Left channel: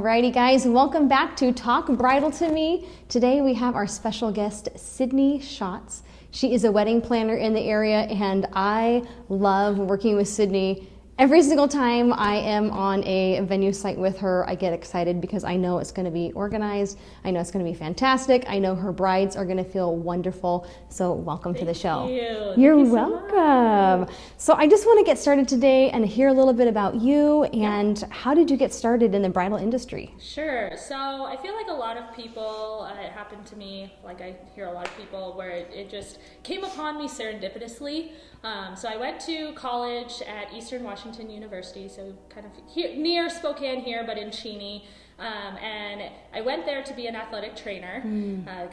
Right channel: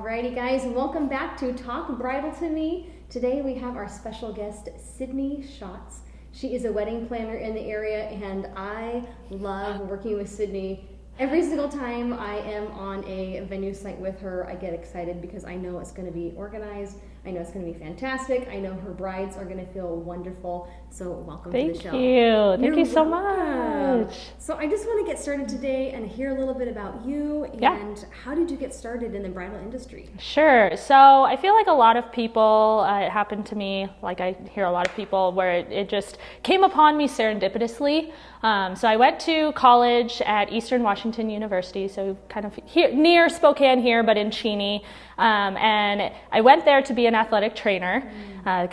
Alrighty guys, welcome back to Talk Bridal to Me. Today we have our special guest, Sydney Schatz. She is a wedding planner in the area and I love working with Sydney. Every single time I am on a venue site with her, I get excited because I know it's going to be organized. I know it's going to be fantastic. I know her brides are going to feel wonderful. So welcome to the show. Thank you. You're so welcome. much. So I just want to get started today and hear a little bit about you and how did you get started in the bridal industry? Sure. So I feel like a lot of people, it happened to me, like I hear a lot of people where it just came upon me serendipitously. So I went to college at Eastern Washington University, so kind of here, near Spokane here, but in Cheney. And I went there to be an athletic trainer.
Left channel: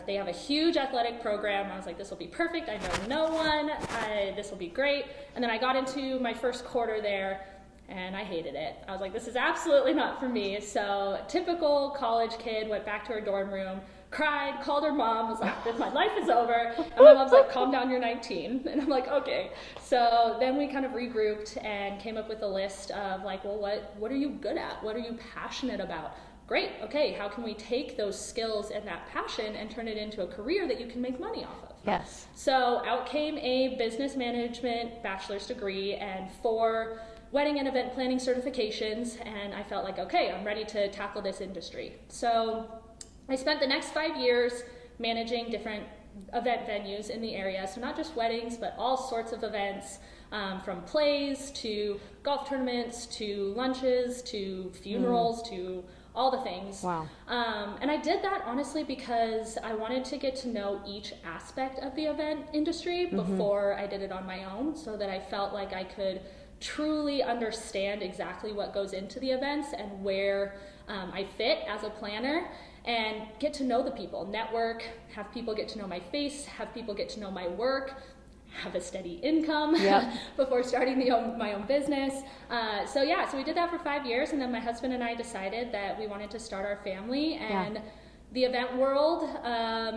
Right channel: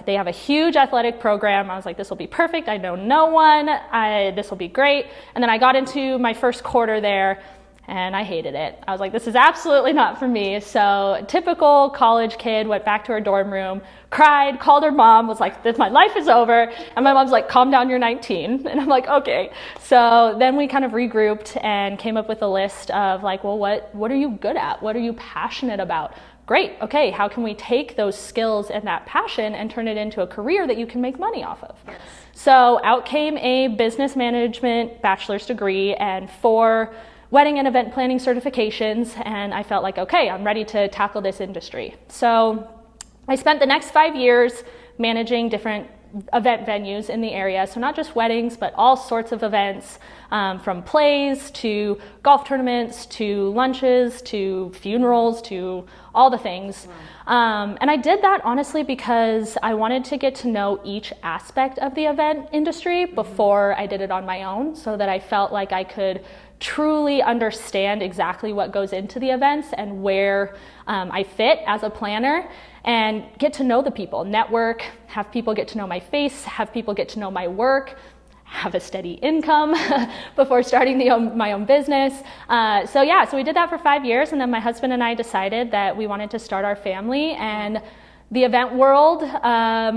They have a huge athletic program. I was like, this will be perfect. I know no one. This will be great. And then I got into my first quarter there and I hated it. I was like, this is absolutely not for me. So typical college kid, went back to her dorm room, cried, called her mom, was like, my life is over. And my mom's like, calm down, you're 19. And I'm like, okay. So then we kind of regrouped and came up with a list of like, well, what are you good at? What are you passionate about? Great, okay, how can we take those skills and that passion and turn it into a career that you can make money off of? Yes. So out came a business management bachelor's degree and 4 wedding and event planning certifications, and I felt like, okay, I'm ready to tackle this industry. So I spent the next 5 years managing different event venues in the area, so not just weddings, but all sorts of events, from plays to golf tournaments to lunches to funerals to all the things. Wow. And I did that honestly because I wanted to get to know each aspect of the event industry before I did it on my own, so that I felt like I could truly understand exactly what goes into the events and where I fit as a planner, and get to know the people, network, have people get to know my face, have people get to know my work, have a steady income before starting my own business. So we did that for 5 years, and then my husband and I decided that we wanted to start our family. And the event world,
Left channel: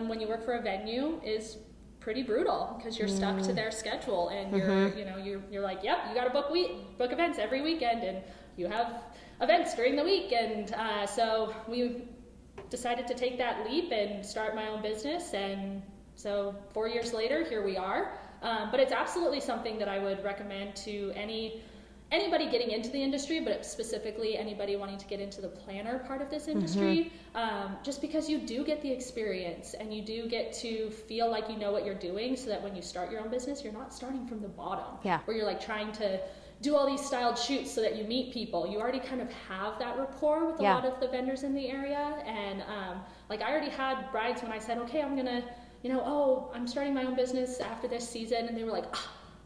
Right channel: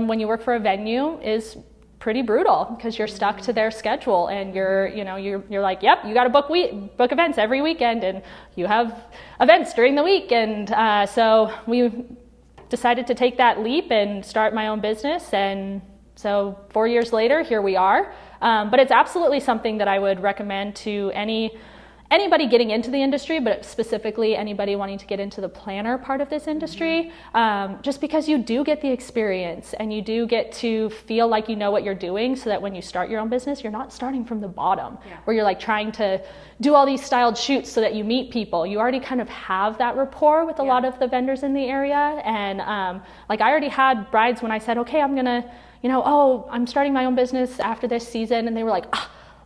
when you work for a venue, is pretty brutal because you're stuck to their schedule, and you're like, yep, you got to book events every weekend, and you have events during the week. And so we decided to take that leap and start my own business. And so 4 years later, here we are. But it's absolutely something that I would recommend to anybody getting into the industry, but specifically anybody wanting to get into the planner part of this industry, just because you do get the experience and you do get to feel like you know what you're doing, so that when you start your own business, you're not starting from the bottom, where you're like trying to do all these styled shoots so that you meet people. You already kind of have that rapport with a lot of the vendors in the area. And like I already had brides when I said, okay, I'm gonna, I'm starting my own business after this season. And they were like,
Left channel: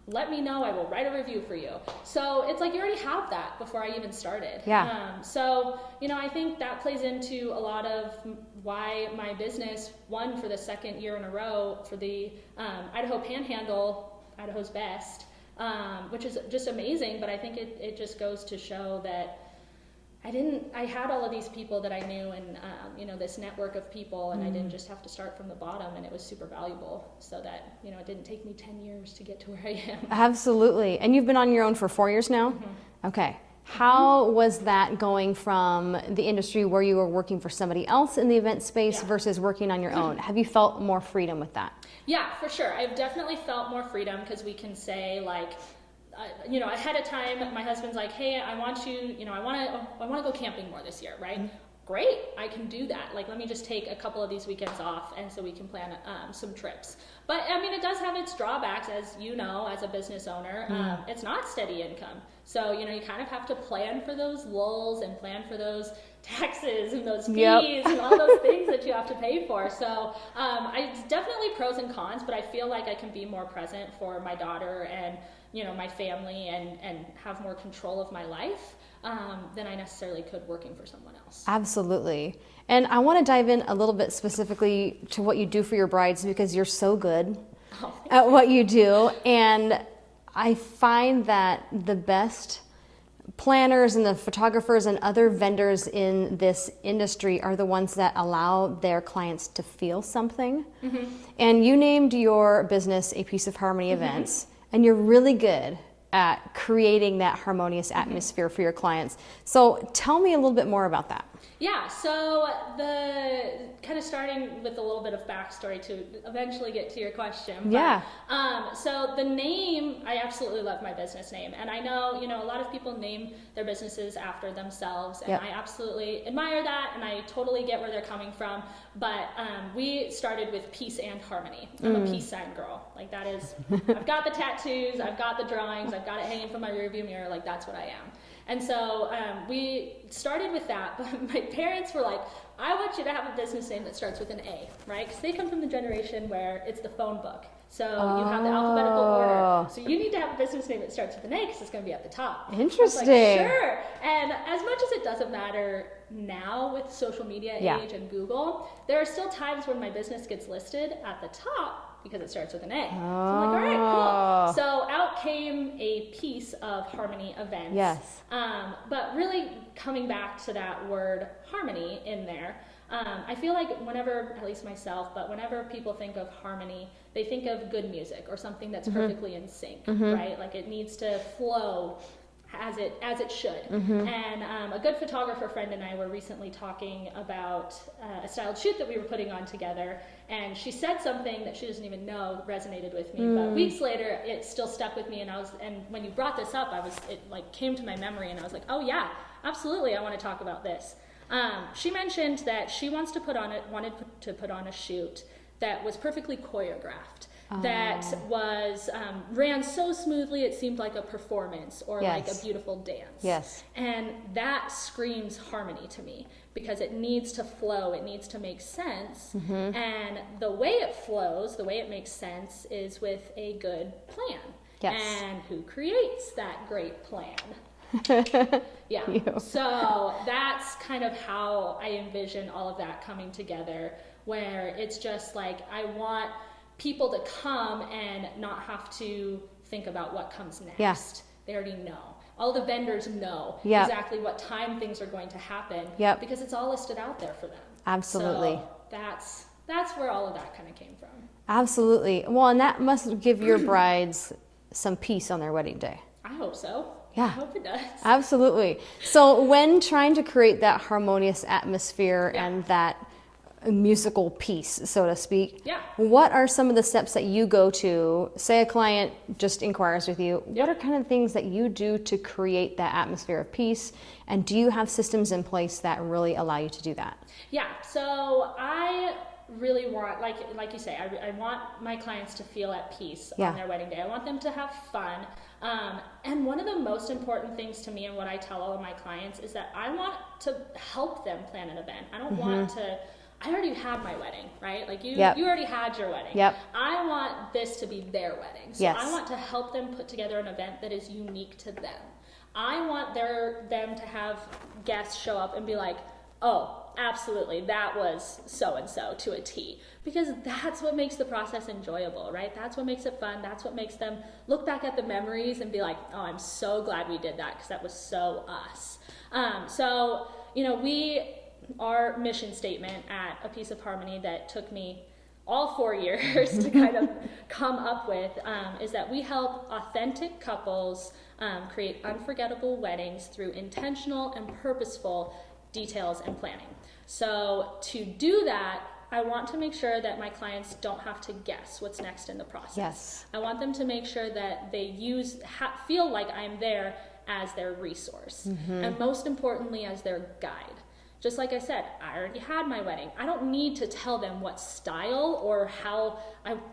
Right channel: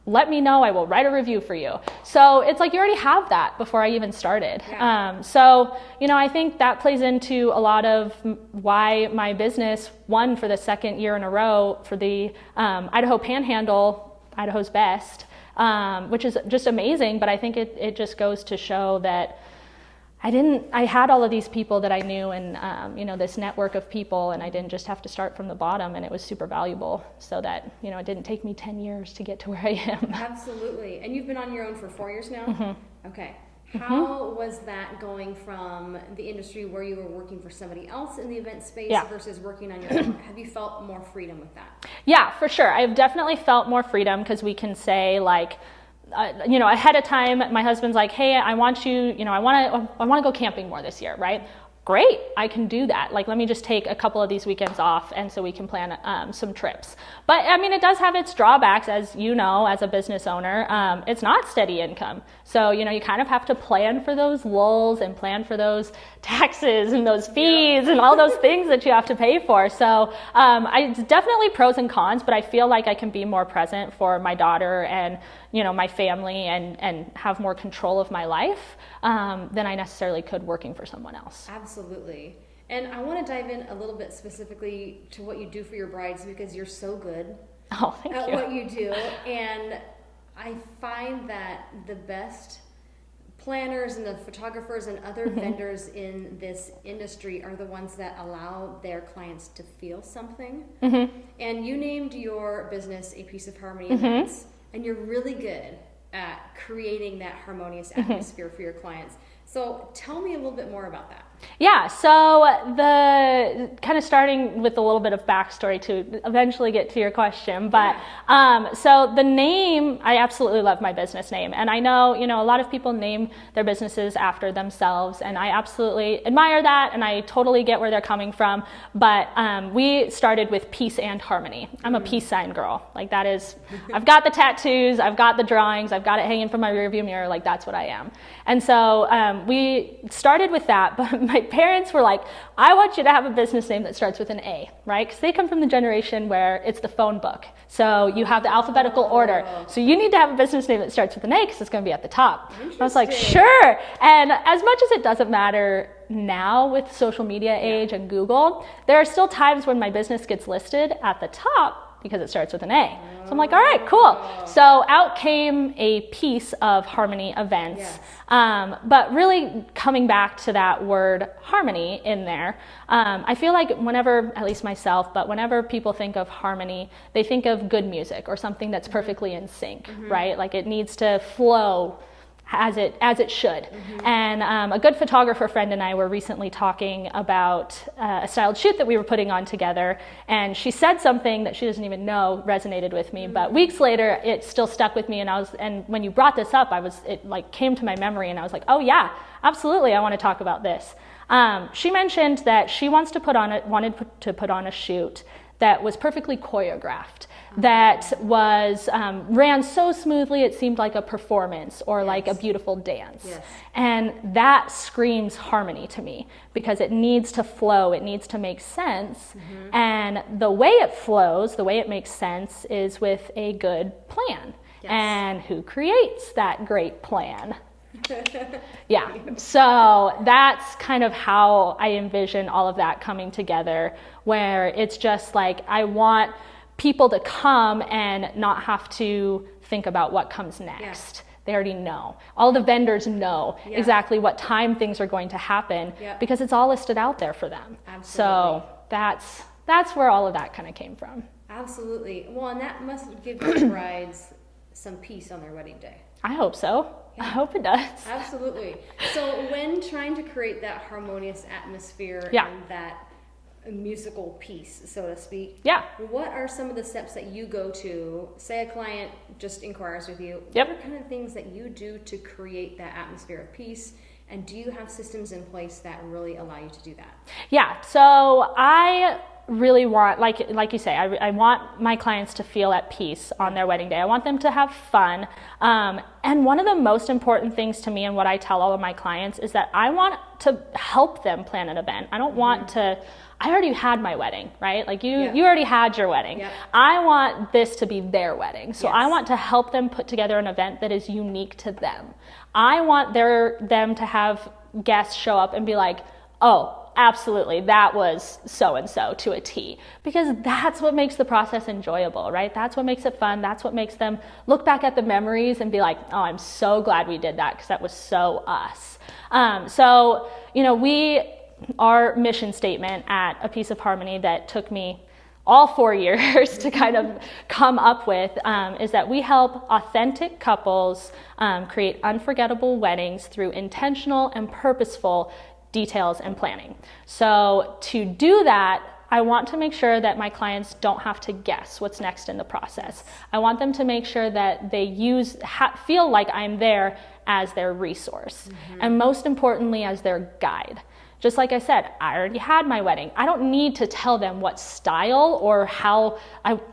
let me know, I will write a review for you. So it's like you already have that before I even started. I think that plays into a lot of why my business won for the second year in a row for the Idaho Panhandle, Idaho's Best, which is just amazing. But I think it just goes to show that I had all of these people that I knew, and this network of people, and I didn't just have to start from the bottom, and it was super valuable, so that it didn't take me 10 years to get to where I am. Absolutely. And you've been on your own for 4 years now? Okay. How was that going from the industry where you were working for somebody else in the event space versus working on your own? Have you felt more freedom with that? Yeah, for sure. I've definitely felt more freedom, because we can say like, ahead of time, my husband's like, hey, I want to go camping more this year, right? Great, I can do that. Like, let me just take a couple of these weekends off, and so we can plan some trips. But I mean, it does have its drawbacks, as you know, as a business owner. It's not steady income. So, you kind of have to plan for those lulls and plan for those taxes and those fees and all those things that you have to pay for. So it's definitely pros and cons, but I feel like I can be more present for my daughter and my family, and have more control of my life than I necessarily could working for someone else. Absolutely. And I want to dive in a little bit specifically to what you do for your brides, because you're so good at what you do. And I find that the best planners and the photographers and other vendors in this industry are the ones that allow their clients to feel something. And you named your business A Piece of Harmony Events. And you're really good at creating that harmonious atmosphere for your clients. So tell me a little bit more about that. Yeah, so the kind of starting with a little bit of backstory to eventually get to your question, but so the name, I absolutely love my business name, and I know, you know, a lot of people name their businesses after themselves, and I absolutely admire that, and I totally get where they're coming from, but we started with peace and harmony. I'm a peace sign girl, like that is, I've got the tattoos, I've got the drawings, I've got it hanging from my rearview mirror, like that's what I am. And so we started with that, but my parents were like, I want you to have a business name that starts with an A, right? Because they come from the generation where it's the phone book. So you have the alphabetical order. So you need to have a business name that starts with an A because it's going to be at the top. Interesting. I was like, sure. And as much as it doesn't matter now with social media age and Google, there are still times when my business gets listed at the top because it starts with an A. So I'm like, all right, cool. So out came a piece of harmony events. Yes. But really coming back to that word harmony in there, I feel like whenever, at least myself, but whenever people think of harmony, they think of good music or something that's perfectly in sync, right? Like it needs to flow as it should. And a good photographer friend and I were recently talking about a styled shoot that we were putting on together, and she said something that she doesn't even know resonated with me, but weeks later it still stuck with me, and when you brought this up, it like came to my memory, and I was like, oh yeah, absolutely, I want to talk about this. She mentioned that she wanted to put on a shoot that was perfectly choreographed, that was ran so smoothly it seemed like a performance or like a beautiful dance. And that screams harmony to me because it needs to flow, it needs to make sense. And the way it flows, the way it makes sense is with a good plan. And who creates that great plan? So that's kind of how I envision all of that coming together, where it's just like I want people to come and not have to think about what comes next. They already know. All the vendors know exactly what time things are going to happen because it's all listed out there for them. Absolutely. So that's where all of that kind of came from. Absolutely. Well, and that must give your brides some peace on their wedding day. I hope so. I hope it does. Absolutely. So when trying to create that harmonious atmosphere and that musical piece, so to speak, what are some of the steps that you go to? Say a client just inquires with you. What are kind of things that you do to create that atmosphere of peace? And do you have systems in place that really allow you to do that? Yeah. So I really want, like you say, I want my clients to feel at peace on their wedding day. I want them to have fun. And one of the most important things to me and what I tell all of my clients is that I want to help them plan an event. I don't want to, I already had my wedding, right? Like you already had your wedding. I want this to be their wedding. So I want to help them put together an event that is unique to them. I want them to have guests show up and be like, oh, absolutely, that was so-and-so to a T, because that's what makes the process enjoyable, right? That's what makes it fun. That's what makes them look back at the memories and be like, oh, I'm so glad we did that because that was so us. So, you know, our mission statement at A Piece of Harmony that took me all 4 years to kind of come up with is that we help authentic couples create unforgettable weddings through intentional and purposeful details and planning. So to do that, I want to make sure that my clients don't have to guess what's next in the process. I want them to make sure that they feel like I'm there as their resource, and most importantly as their guide. Just like I said, I already had my wedding. I don't need to tell them what style or how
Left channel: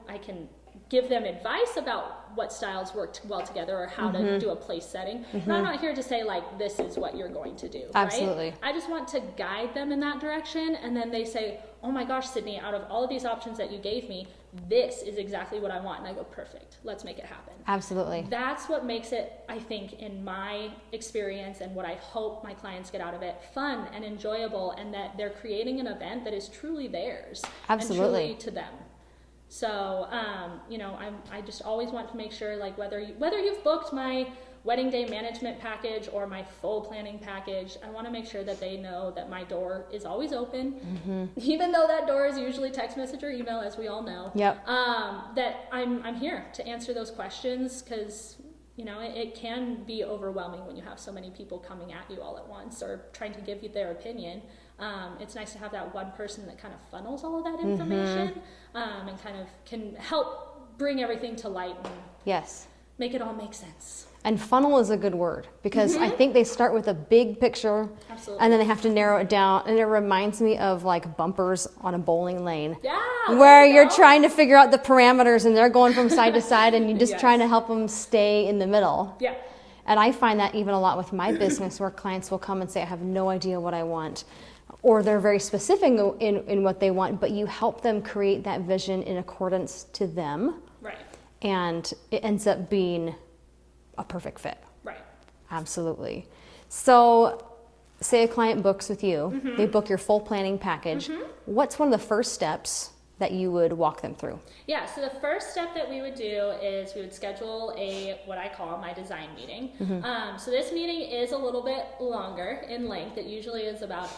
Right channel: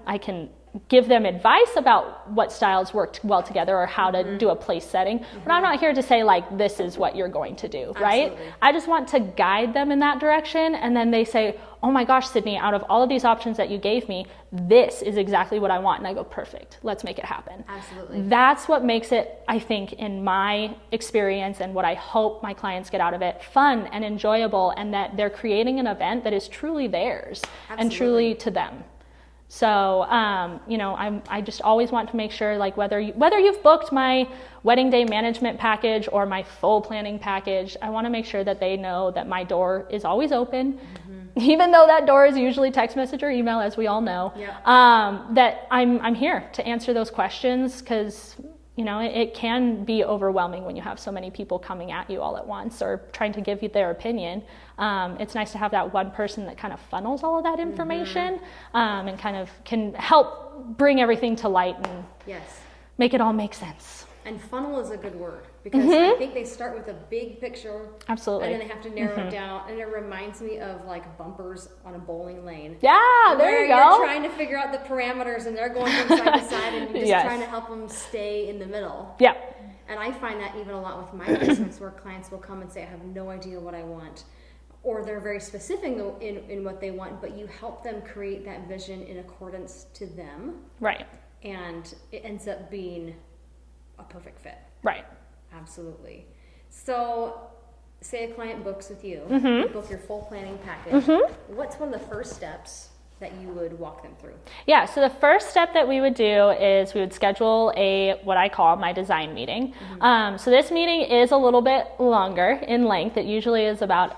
I can give them advice about what styles work well together or how to do a place setting. But I'm not here to say like, this is what you're going to do, right? I just want to guide them in that direction. And then they say, oh my gosh, Sydney, out of all of these options that you gave me, this is exactly what I want. And I go, perfect, let's make it happen. Absolutely. That's what makes it, I think, in my experience and what I hope my clients get out of it, fun and enjoyable, and that they're creating an event that is truly theirs and truly to them. So, you know, I just always want to make sure, like, whether you've booked my wedding day management package or my full planning package, I want to make sure that they know that my door is always open, even though that door is usually text message or email, as we all know. That I'm here to answer those questions, because you know, it can be overwhelming when you have so many people coming at you all at once or trying to give you their opinion. It's nice to have that one person that kind of funnels all of that information and kind of can help bring everything to light and make it all make sense. And funnel is a good word because I think they start with a big picture. Absolutely. And then they have to narrow it down. And it reminds me of like bumpers on a bowling lane. Yeah. Where you're trying to figure out the parameters and they're going from side to side and you're just trying to help them stay in the middle. Yeah. And I find that even a lot with my business where clients will come and say, I have no idea what I want. Or they're very specific in what they want, but you help them create that vision in accordance to them. Right. And it ends up being a perfect fit. Right. Absolutely. So say a client books with you, they book your full planning package. What's one of the first steps that you would walk them through? Yeah, so the first step that we would do is we would schedule what I call my design meeting. So this meeting is a little bit longer in length. It usually is about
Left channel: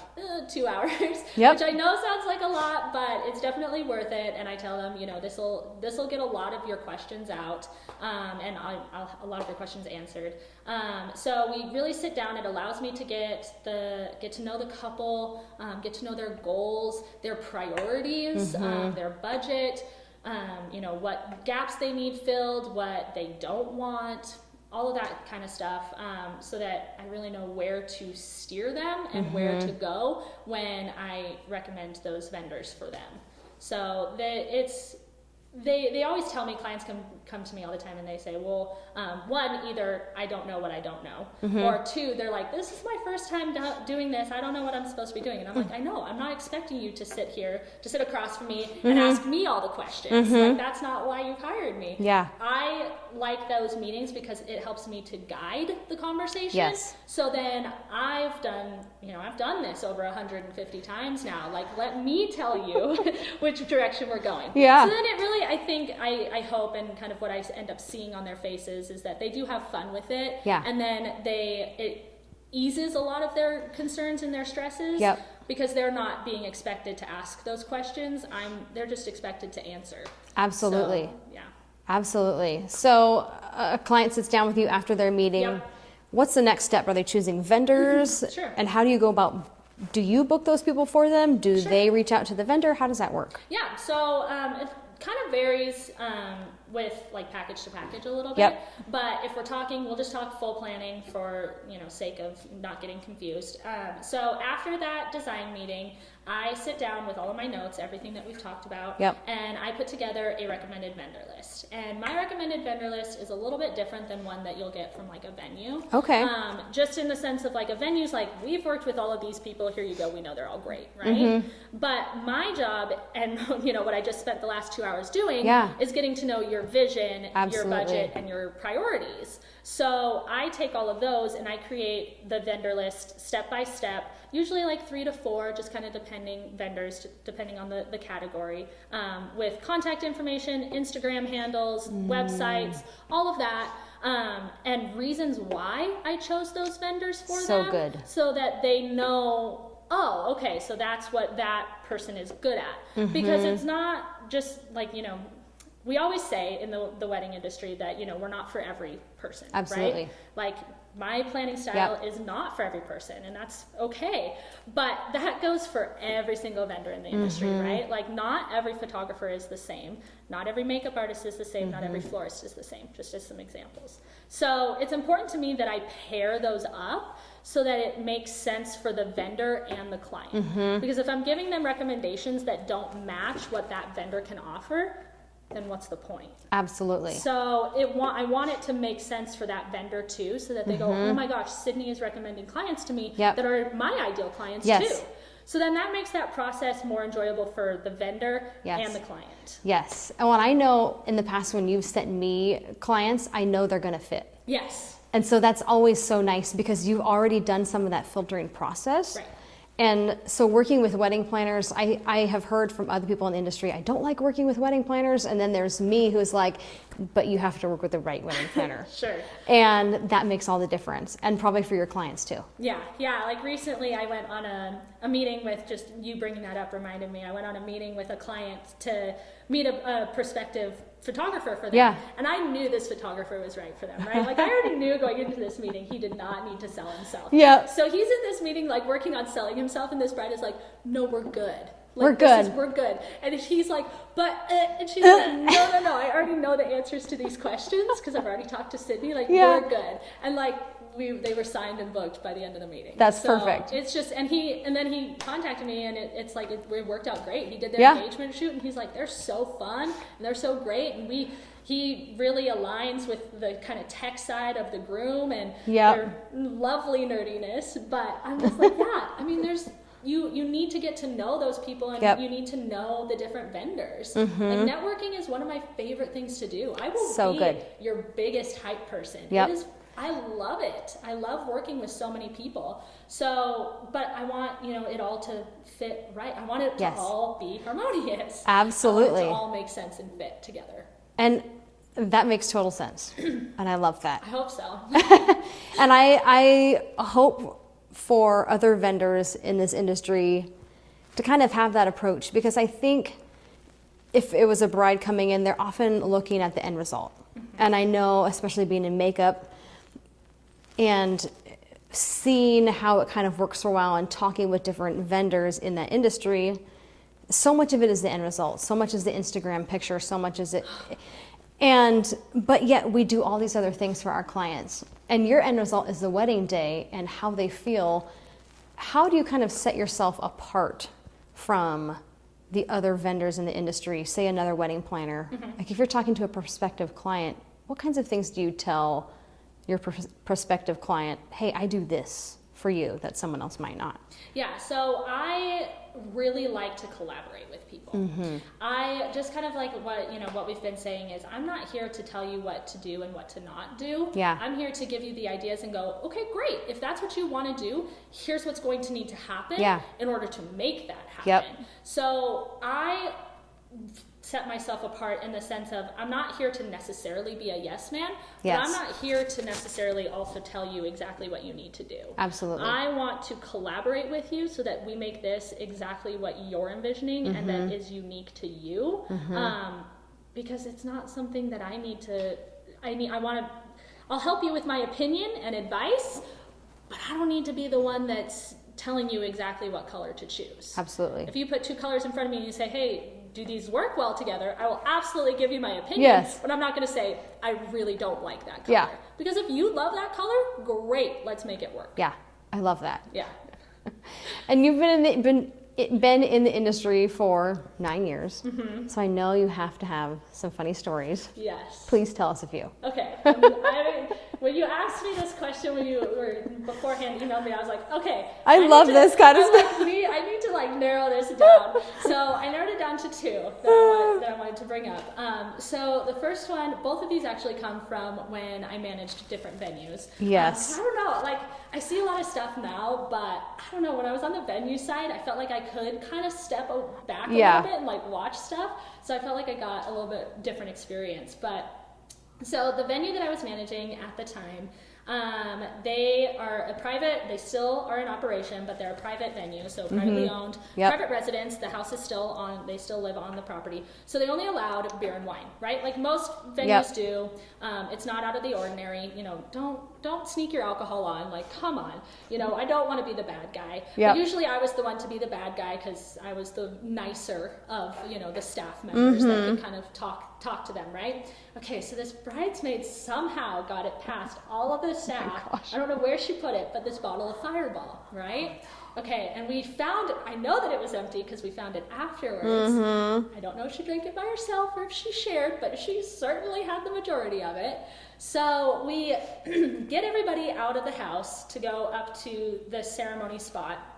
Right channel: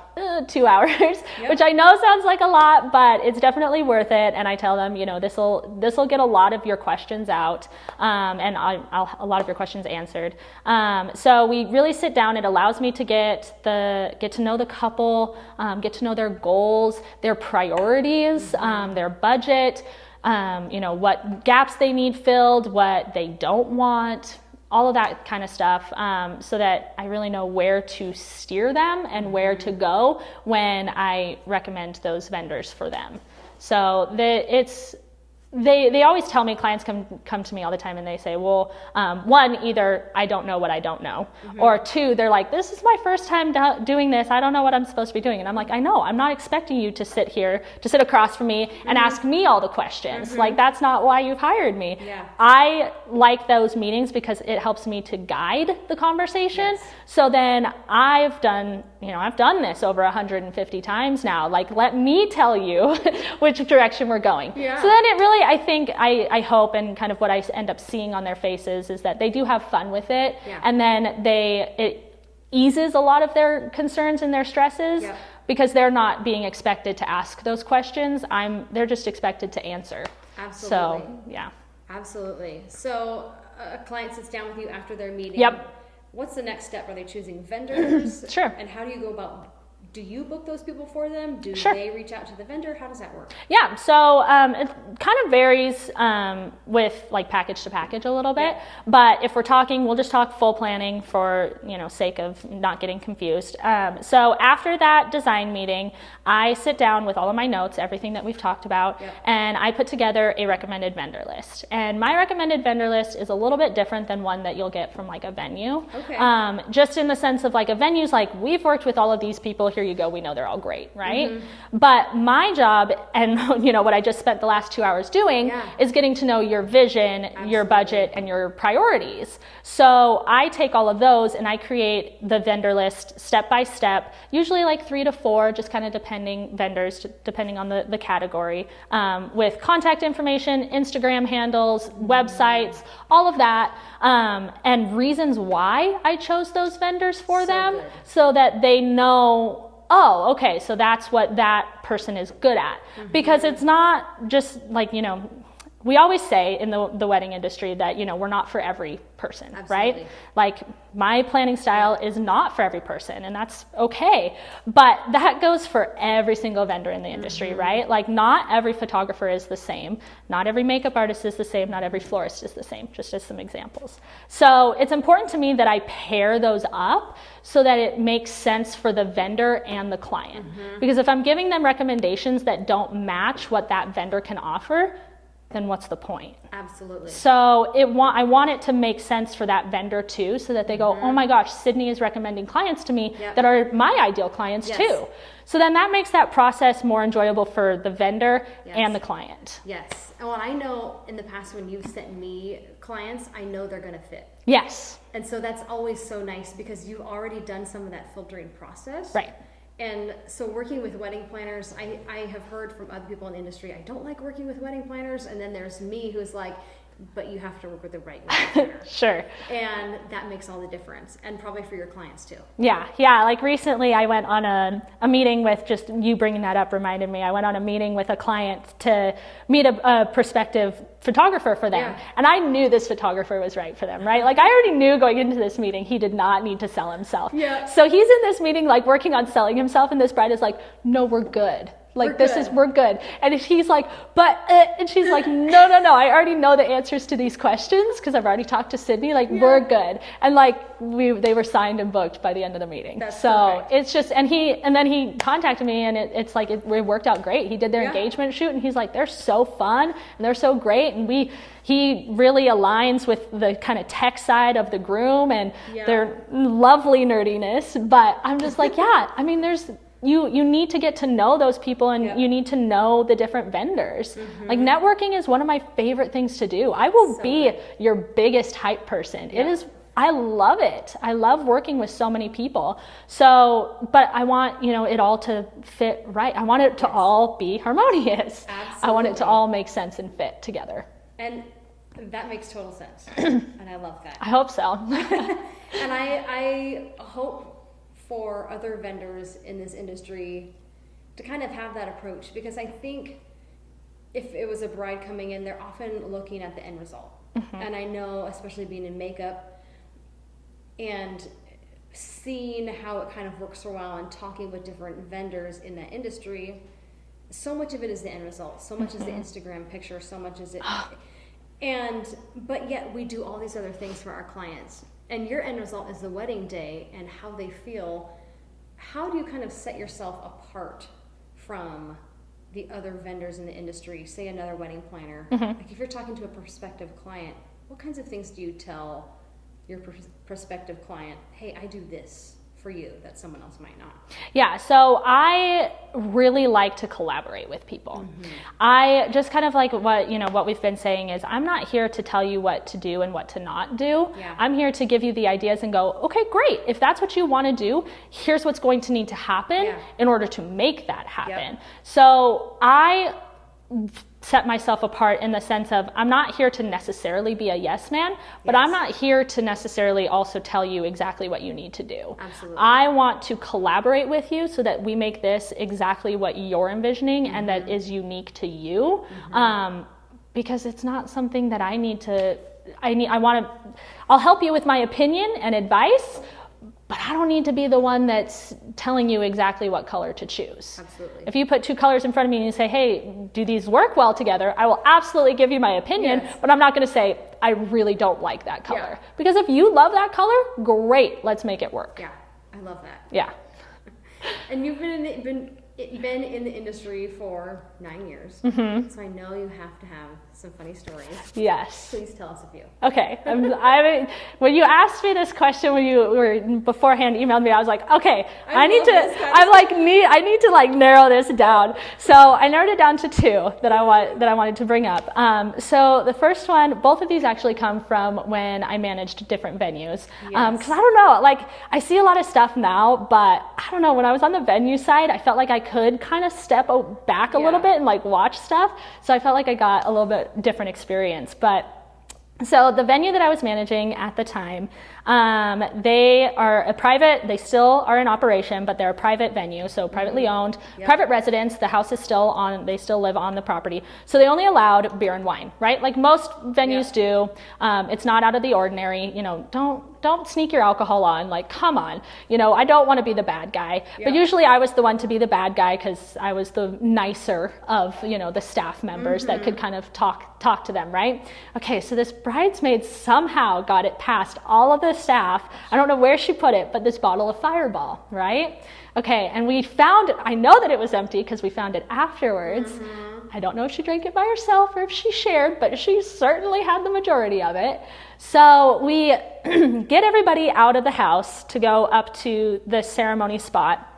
2 hours, which I know sounds like a lot, but it's definitely worth it. And I tell them, you know, this will get a lot of your questions out and a lot of your questions answered. So we really sit down. It allows me to get to know the couple, get to know their goals, their priorities, their budget, you know, what gaps they need filled, what they don't want, all of that kind of stuff, so that I really know where to steer them and where to go when I recommend those vendors for them. So they always tell me, clients come to me all the time and they say, well, one, either I don't know what I don't know, or two, they're like, this is my first time doing this. I don't know what I'm supposed to be doing. And I'm like, I know, I'm not expecting you to sit across from me and ask me all the questions. Like, that's not why you've hired me. Yeah. I like those meetings because it helps me to guide the conversation. Yes. So then I've done this over 150 times now. Like, let me tell you which direction we're going. Yeah. So then it really, I hope, and kind of what I end up seeing on their faces is that they do have fun with it. Yeah. And then it eases a lot of their concerns and their stresses because they're not being expected to ask those questions. They're just expected to answer. Absolutely. So, yeah. Absolutely. So a client sits down with you after their meeting. What's the next step? Are they choosing vendors? Sure. And how do you go about, do you book those people for them? Do they reach out to the vendor? How does that work? Yeah, so it kind of varies with like package to package a little bit. But if we're talking, we'll just talk full planning for, you know, sake of not getting confused. So after that design meeting, I sit down with all of my notes, everything that we've talked about, and I put together a recommended vendor list. And my recommended vendor list is a little bit different than one that you'll get from like a venue. Okay. Just in the sense of like a venue's like, we've worked with all of these people, here you go, we know they're all great, right? But my job, and you know what I just spent the last 2 hours doing, is getting to know your vision, your budget, and your priorities. So I take all of those and I create the vendor list step by step, usually like 3 to 4, just kind of depending on the category, with contact information, Instagram handles, websites, all of that, and reasons why I chose those vendors for them, so that they know, oh, okay, so that's what that person is good at. Because it's not just like, you know, we always say in the wedding industry that, you know, we're not for every person, right? Like, my planning style is not for every person, and that's okay. But that goes for every single vendor in the industry, right? Like, not every photographer is the same. Not every makeup artist is the same. Not every florist is the same, just as some examples. So it's important to me that I pair those up so that it makes sense for the vendor and the client. Because if I'm giving them recommendations that don't match what that vendor can offer, then what's the point? Absolutely. So I want it to make sense for that vendor too, so that they go, oh my gosh, Sydney is recommending clients to me that are my ideal clients too. So then that makes that process more enjoyable for the vendor and the client. Yes. And when I know in the past when you've sent me clients, I know they're going to fit. Yes. And so that's always so nice because you've already done some of that filtering process. Right. And so working with wedding planners, I have heard from other people in the industry, I don't like working with wedding planners. And then there's me who's like, but you have to work with the right wedding planner. Sure. And that makes all the difference, and probably for your clients too. Yeah. Like recently I went on a meeting with, just you bringing that up reminded me, I went on a meeting with a client to meet a prospective photographer for them. Yeah. And I knew this photographer was right for them, right? Like I already knew going into this meeting, he did not need to sell himself. Yeah. So he's in this meeting, like working on selling himself, and this bride is like, no, we're good. Like we're good. And he's like, and she's like, no, I already know the answers to these questions because I've already talked to Sydney, like we're good. And like they were signed and booked by the end of the meeting. That's perfect. It's just, and then he contacted me, and it's like, it worked out great. He did their engagement shoot, and he's like, they're so fun and they're so great. And he really aligns with the kind of tech side of the groom and their lovely nerdiness. But I'm just like, I mean, you need to get to know those people, and you need to know the different vendors. Like networking is one of my favorite things to do. I will be your biggest hype person. I love it. I love working with so many people. So, but I want, it all to fit right. I want it to all be harmonious. Absolutely. I want it to all make sense and fit together. And that makes total sense. And I love that. I hope so. And I hope for other vendors in this industry to kind of have that approach, because I think if it was a bride coming in, they're often looking at the end result. And I know, especially being in makeup and seeing how it kind of works for a while and talking with different vendors in that industry, so much of it is the end result. So much is the Instagram picture, so much is it. But yet we do all these other things for our clients. And your end result is the wedding day and how they feel. How do you kind of set yourself apart from the other vendors in the industry, say another wedding planner? Like if you're talking to a prospective client, what kinds of things do you tell your prospective client? Hey, I do this for you that someone else might not. Yeah, so I really like to collaborate with people. I just kind of like what we've been saying is, I'm not here to tell you what to do and what to not do. I'm here to give you the ideas and go, okay, great. If that's what you want to do, here's what's going to need to happen in order to make that happen. So I set myself apart in the sense of, I'm not here to necessarily be a yes man, but I'm not here to necessarily also tell you exactly what you need to do. Absolutely. I want to collaborate with you so that we make this exactly what you're envisioning and that is unique to you. Because it's not something that I'll help you with my opinion and advice, but I don't need to be the one that's telling you exactly what color to choose. Absolutely. If you put two colors in front of me and you say, hey, do these work well together? I will absolutely give you my opinion, but I'm not going to say, I really don't like that color. Because if you love that color, great, let's make it work. Yeah, I love that. Yeah. And you've been in the industry for 9 years, so I know you have to have some funny stories. Yes. Please tell us a few. Okay. When you asked me this question, when you were beforehand emailed me, I was like, okay, I need to narrow this down. So I narrowed it down to two that I wanted to bring up. So the first one, both of these actually come from when I managed different venues. Because I don't know, like I see a lot of stuff now, but I don't know, when I was on the venue side, I felt like I could kind of step back a little bit and like watch stuff. So I felt like I got a little bit different experience. But so the venue that I was managing at the time, they still are in operation, but they're a private venue, so privately owned, private residence. The house is they still live on the property. So they only allowed beer and wine, right? Like most venues do. It's not out of the ordinary. Don't sneak your alcohol on, like, come on. I don't want to be the bad guy. But usually I was the one to be the bad guy because I was the nicer of, the staff members that could kind of talk to them, right? Okay, so this bridesmaid somehow got it past all of the staff. I don't know where she put it, but this bottle of Fireball, right? Okay, and I know that it was empty because we found it afterwards. I don't know if she drank it by herself or if she shared, but she certainly had the majority of it. So we get everybody out of the house to go up to the ceremony spot.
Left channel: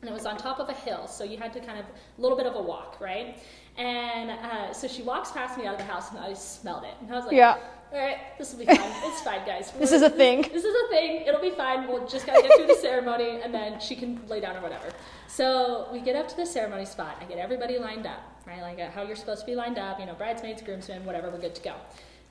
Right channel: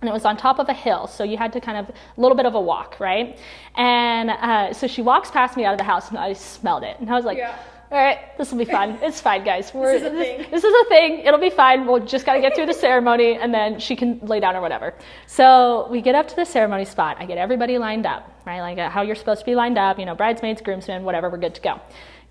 And it was on top of a hill, so you had to kind of, a little bit of a walk, right? And so she walks past me out of the house, and I smelled it. And I was like, all right, this will be fun. It's fine, guys. This is a thing. This is a thing. It'll be fine. We'll just got to get through the ceremony, and then she can lay down or whatever. So we get up to the ceremony spot. I get everybody lined up, right? Like how you're supposed to be lined up, bridesmaids, groomsmen, whatever, we're good to go.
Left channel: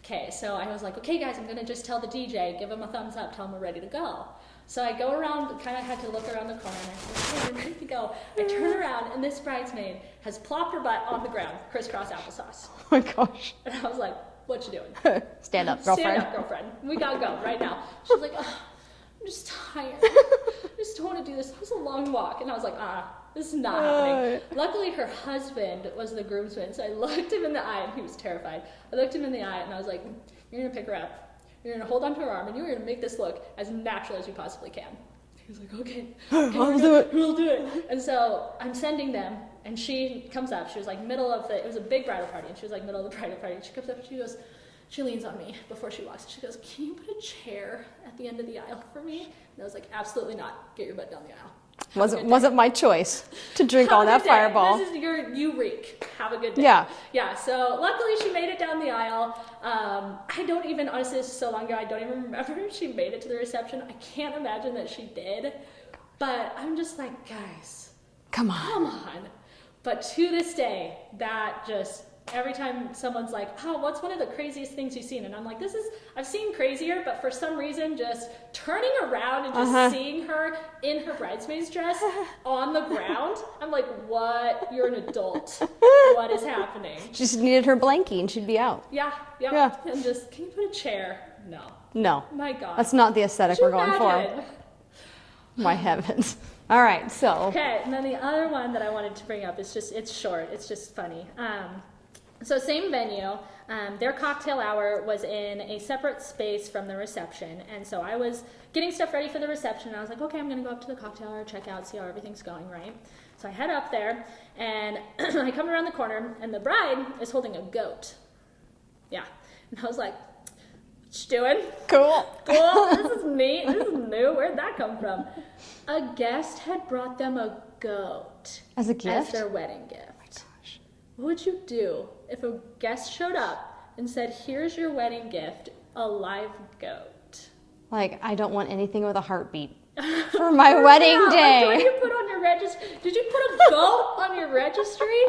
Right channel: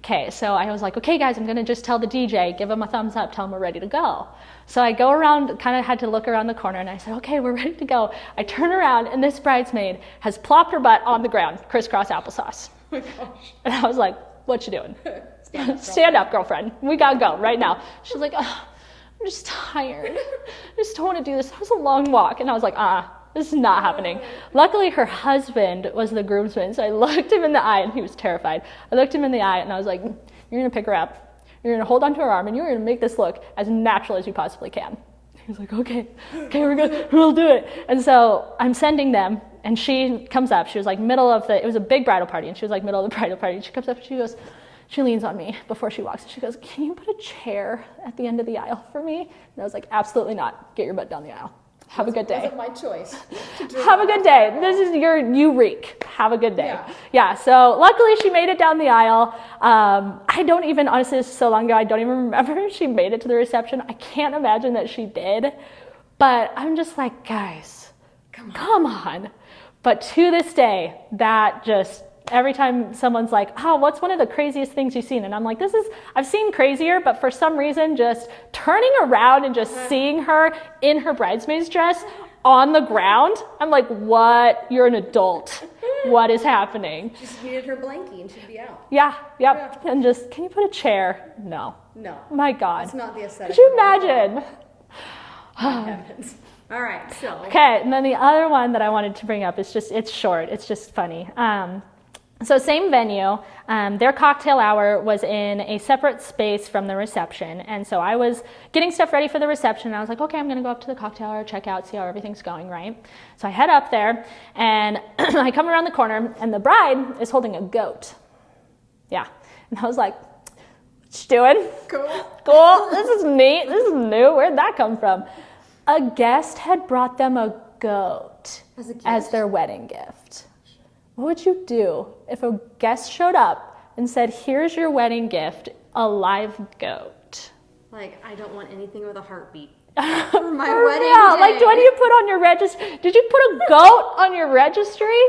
okay, so I was like, okay guys, I'm gonna just tell the DJ, give him a thumbs up, tell him we're ready to go. So I go around, kind of had to look around the corner, and I said, okay, we're ready to go. I turn around, and this bridesmaid has plopped her butt on the ground, crisscross applesauce. Oh my gosh. And I was like, what you doing? Stand up, girlfriend. Stand up, girlfriend. We gotta go right now. She's like, oh, I'm just tired. I just don't want to do this. That was a long walk. And I was like, this is not happening. Luckily, her husband was the groomsman, so I looked him in the eye, and he was terrified. I looked him in the eye, and I was like, you're going to pick her up. You're going to hold onto her arm, and you're going to make this look as natural as you possibly can. He was like, okay, we'll do it. And so I'm sending them, and she comes up. She was like it was a big bridal party, and she was like middle of the bridal party. And she comes up, and she leans on me before she walks, and she goes, can you put a chair at the end of the aisle for me? And I was like, absolutely not. Get your butt down the aisle. Have a good day. Wasn't my choice to drink Have all a that good day. Fireball. This is you reek. Have a good day. Yeah. So luckily she made it down the aisle. I don't even, honestly, this is so long ago, I don't even remember if she made it to the reception. I can't imagine that she did. But I'm just like, guys, come on. But to this day, that just, every time someone's like, oh, what's one of the craziest things you've seen? And I'm like, I've seen crazier, but for some reason, just turning around and just seeing her in her bridesmaid's dress on the ground, I'm like, what? You're an adult. What is happening? She just needed her blankie and she'd be out. Yeah. And just, can you put a chair? No. My God. That's not the aesthetic Could you we're going imagine? for. My heavens. All right, so. Okay, and then the other one that I wanted to bring up is just, it's short, it's just funny. So same venue, their cocktail hour was in a separate space from the reception. And so I was getting stuff ready for the reception. And I was like, okay, I'm going to go up to the cocktail hour, check out, see how everything's going, right? So I head up there, and I come around the corner, and the bride is holding a goat. Yeah. And I was like, what you doing? Cool. This is neat. This is new. Where'd that come from? A guest had brought them a goat as a gift? As their wedding gift. What would you do if a guest showed up and said, here's your wedding gift, a live goat? Like, I don't want anything with a heartbeat for my wedding day. Like, what do you put on your registry? Did you put a goat on your registry?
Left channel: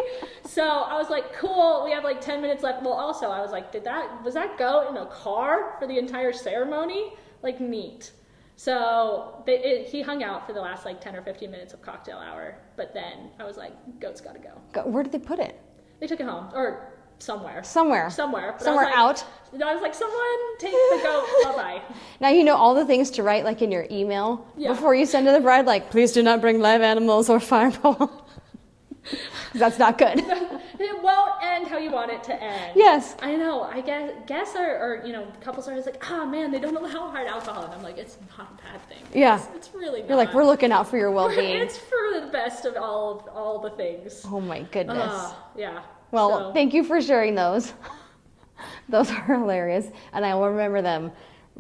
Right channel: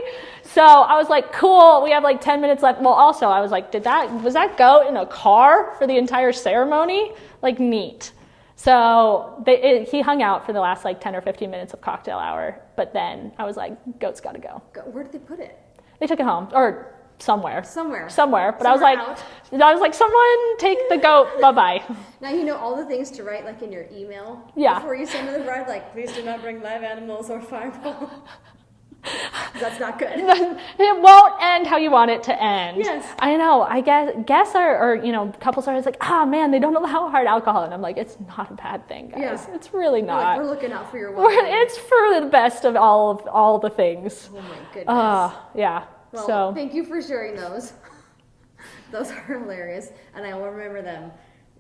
So I was like, cool, we have like 10 minutes left. Well, also, I was like, was that goat in a car for the entire ceremony? Like, neat. So he hung out for the last like 10 or 15 minutes of cocktail hour. But then I was like, goat's got to go. Where did they put it? They took it home, or somewhere. But Somewhere I was like, out. I was like, someone take the goat, bye-bye. Now you know all the things to write like in your email before you send to the bride, like, please do not bring live animals or fireball. That's not good. It won't end how you want it to end. Yes. I know. I guess couples are always like, man, they don't allow hard alcohol. And I'm like, it's not a bad thing, guys. Yeah. It's really not. You're like, we're looking out for your well-being. It's for the best of all the things. Oh my goodness. Yeah. Well, thank you for sharing those. Those are hilarious. And I will remember them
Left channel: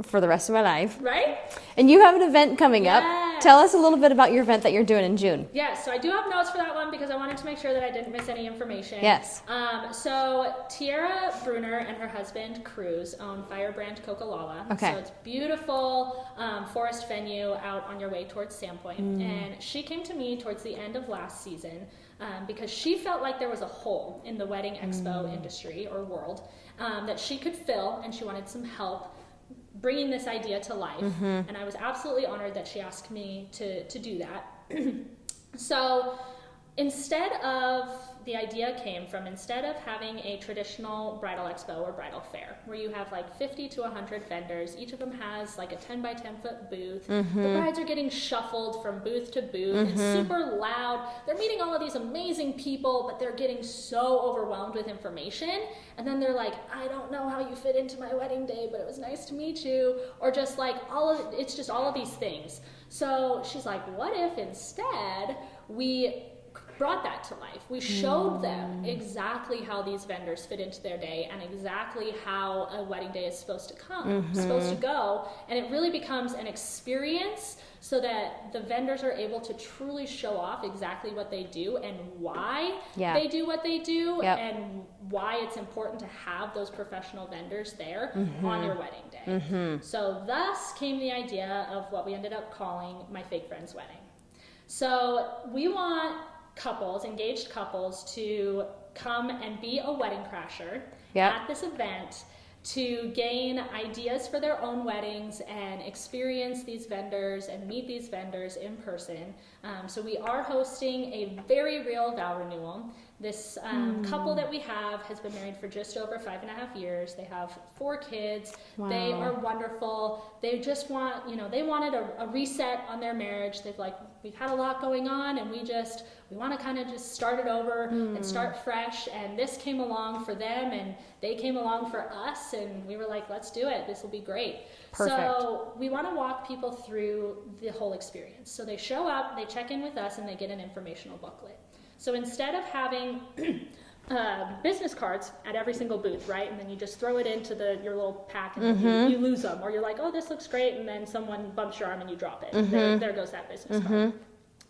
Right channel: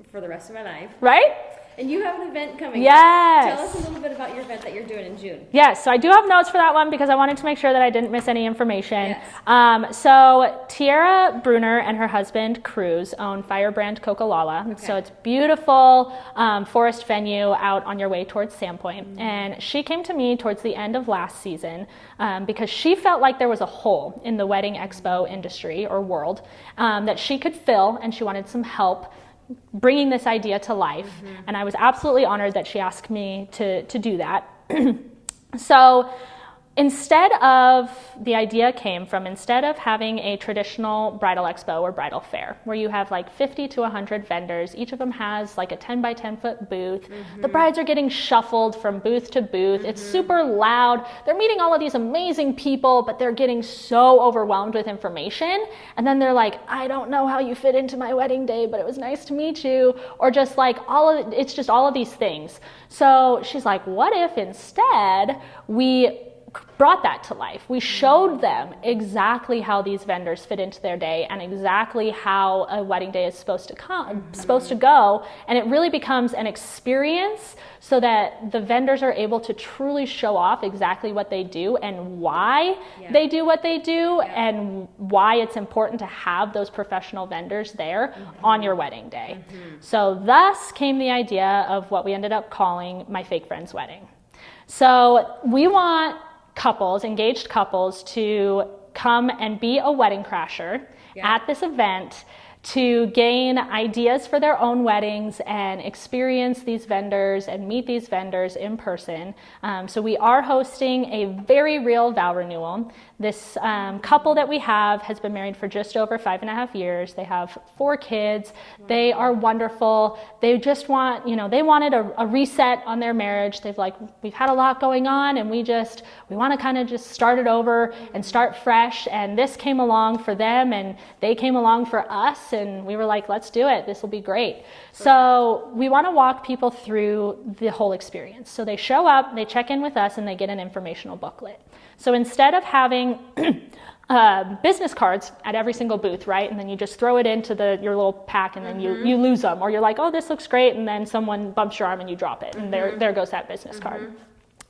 for the rest of my life. Right? And you have an event coming up. Tell us a little bit about your event that you're doing in June. Yes, so I do have notes for that one because I wanted to make sure that I didn't miss any information. Yes. So Tiara Bruner and her husband, Cruz, own Firebrand Coca-Cola. Okay. So it's beautiful forest venue out on your way towards Sandpoint. And she came to me towards the end of last season because she felt like there was a hole in the wedding expo industry or world that she could fill, and she wanted some help bringing this idea to life. And I was absolutely honored that she asked me to do that. So instead of having a traditional bridal expo or bridal fair where you have like 50 to 100 vendors, each of them has like a 10 by 10 foot booth. The brides are getting shuffled from booth to booth. It's super loud. They're meeting all of these amazing people, but they're getting so overwhelmed with information. And then they're like, I don't know how you fit into my wedding day, but it was nice to meet you. Or just like it's just all of these things. So she's like, what if instead we brought that to life? We showed them exactly how these vendors fit into their day and exactly how a wedding day is supposed to go, and it really becomes an experience so that the vendors are able to truly show off exactly what they do and why they do what they do and why it's important to have those professional vendors there on your wedding day. So thus came the idea of what we ended up calling My Fake Friend's Wedding. So we want engaged couples, to come and be a wedding crasher at this event to gain ideas for their own weddings and experience these vendors and meet these vendors in person. So we are hosting a very real vow renewal. This couple that we have has been married for just over 5.5 years. They have 4 kids. Wow. They are wonderful. They just want, they wanted a reset on their marriage. We've had a lot going on, and we want to kind of just start it over and start fresh. And this came along for them, and they came along for us, and we were like, let's do it. This will be great. Perfect. So we want to walk people through the whole experience. So they show up, they check in with us, and they get an informational booklet. So instead of having business cards at every single booth, right? And then you just throw it into your little pack, and then you lose them. Or you're like, oh, this looks great, and then someone bumps your arm and you drop it. And there goes that business card.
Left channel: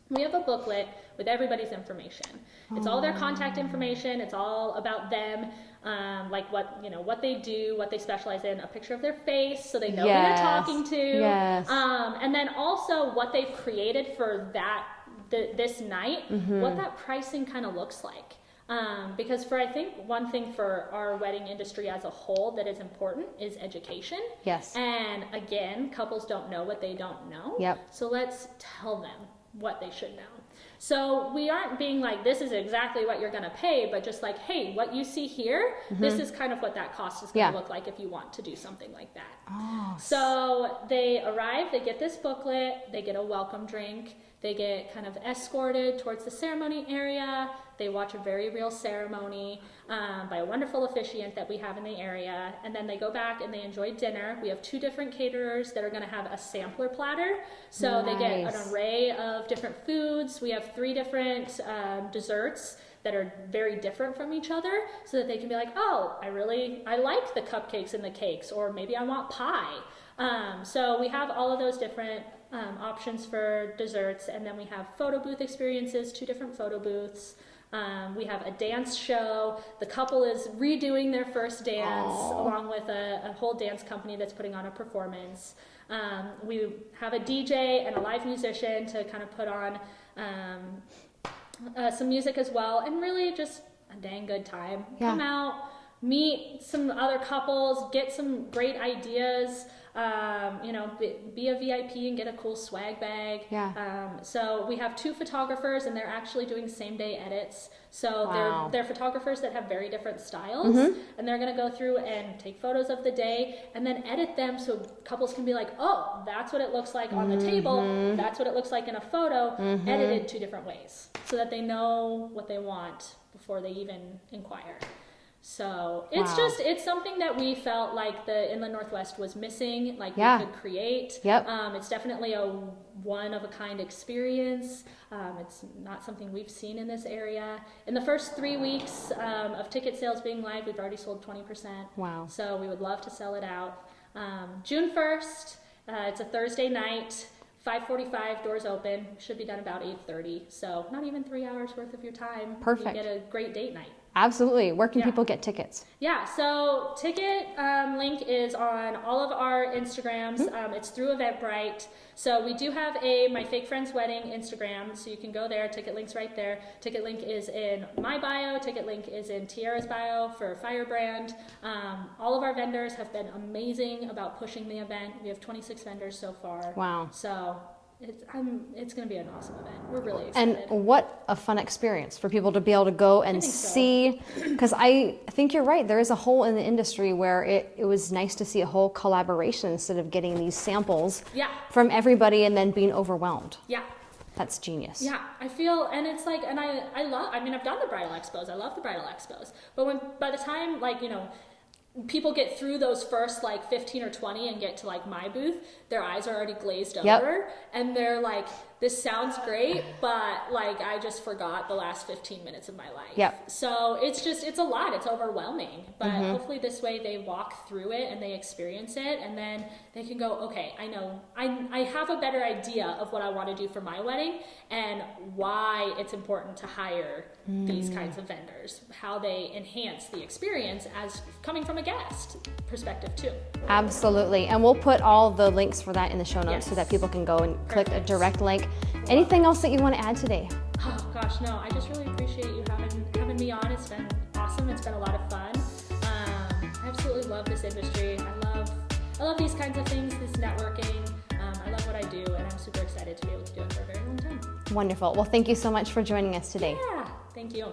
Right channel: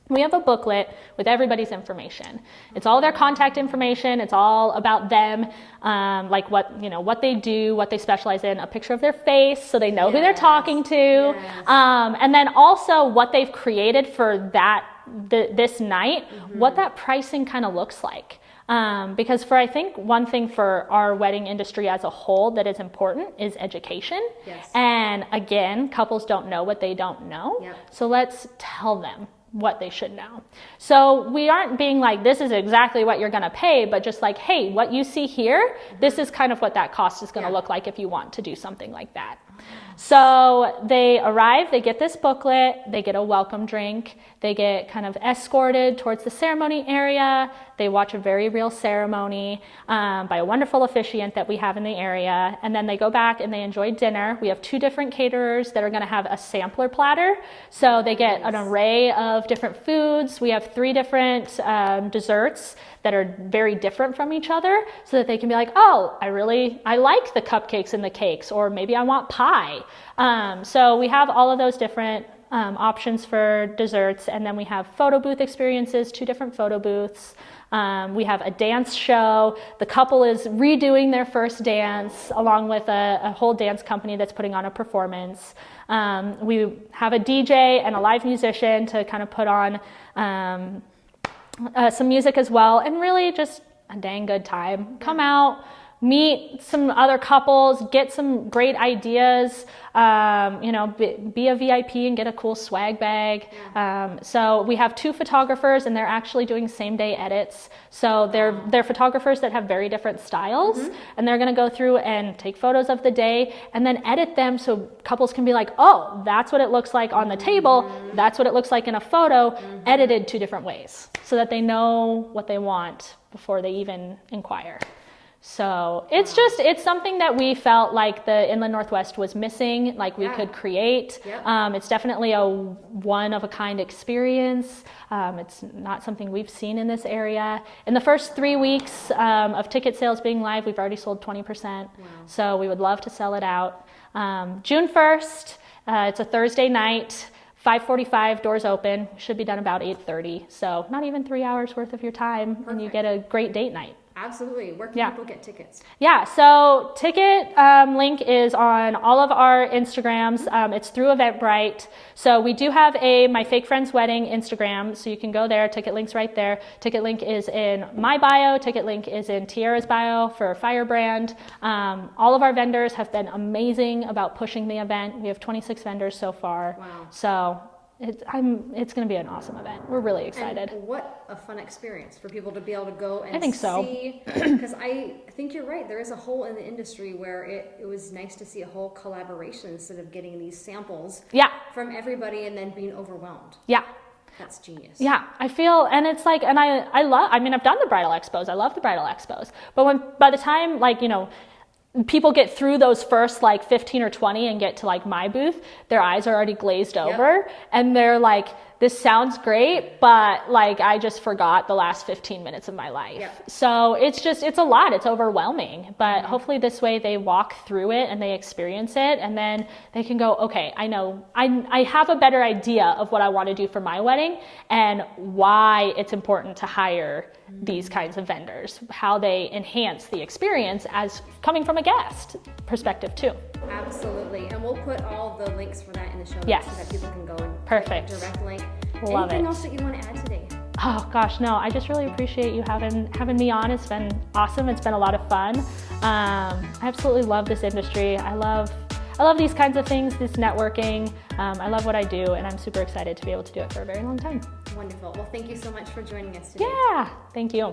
We have a booklet with everybody's information. It's all their contact information. It's all about them, like what they do, what they specialize in, a picture of their face so they know who they're talking to. Yes. And then also what they've created for this night, what that pricing kind of looks like. Because I think one thing for our wedding industry as a whole that is important is education. Yes. And again, couples don't know what they don't know. Yep. So let's tell them what they should know. So we aren't being like, this is exactly what you're going to pay, but just like, hey, what you see here, this is kind of what that cost is going to look like if you want to do something like that. Oh. So they arrive, they get this booklet, they get a welcome drink, they get kind of escorted towards the ceremony area. They watch a very real ceremony by a wonderful officiant that we have in the area. And then they go back and they enjoy dinner. We have 2 different caterers that are going to have a sampler platter. So they get an array of different foods. We have 3 different desserts that are very different from each other, so that they can be like, oh, I like the cupcakes and the cakes, or maybe I want pie. So we have all of those different options for desserts. And then we have photo booth experiences, 2 different photo booths. We have a dance show. The couple is redoing their first dance along with a whole dance company that's putting on a performance. We have a DJ and a live musician to kind of put on some music as well, and really just a dang good time. Yeah. Come out, meet some other couples, get some great ideas, be a VIP and get a cool swag bag. Yeah. So we have 2 photographers, and they're actually doing same day edits. So they're photographers that have very different styles, and they're going to go through and take photos of the day and then edit them so couples can be like, oh, that's what it looks like on the table. That's what it looks like in a photo, edited 2 different ways, so that they know what they want before they even inquire. So it's something that we felt like the Inland Northwest was missing, like we could create. Yep. It's definitely a one-of-a-kind experience. It's not something we've seen in this area. In the first 3 weeks of ticket sales being live, we've already sold 20%. Wow. So we would love to sell it out. June 1st, it's a Thursday night. 5:45, doors open. Should be done about 8:30. So not even 3 hours worth of your time. Perfect. And you get a great date night. Absolutely. Where can people get tickets? Yeah, so ticket link is on all of our Instagrams. It's through Eventbrite. So we do have My Fake Friend's Wedding Instagram, so you can go there. Ticket link's right there. Ticket link is in my bio. Ticket link is in Tiara's bio for Firebrand. All of our vendors have been amazing about pushing the event. We have 26 vendors so far. Wow. So it's going to be an awesome event. We're really excited. And what a fun experience for people to be able to go and see. Because I think you're right. There is a hole in the industry where it was nice to see a whole collaboration instead of getting these samples from everybody and then being overwhelmed. Yeah. That's genius. Yeah, I feel, and it's like, and I've done the bridal expos. I love the bridal expos. But by the time, people get through those first 15 or 20 and get to my booth, their eyes are already glazed over, and they're like, this sounds great, but I just forgot the last 15 minutes of my life. Yep. So it's a lot, it's overwhelming, but hopefully this way they walk through it and they experience it, and then they can go, okay, I know, I have a better idea of what I want to do for my wedding and why it's important to hire these kinds of vendors, how they enhance the experience as coming from a guest perspective too. Absolutely. And we'll put all the links for that in the show notes so that people can go and click a direct link. Anything else that you want to add today? Oh gosh, no, I just really appreciate you having me on. It's been awesome. It's been a lot of fun. I absolutely love this industry. I love these kinds of things, this networking. I love what I do, and I'm super excited to be able to do it for a very long time. Wonderful. Well, thank you so much for joining us today. Yeah, thank you.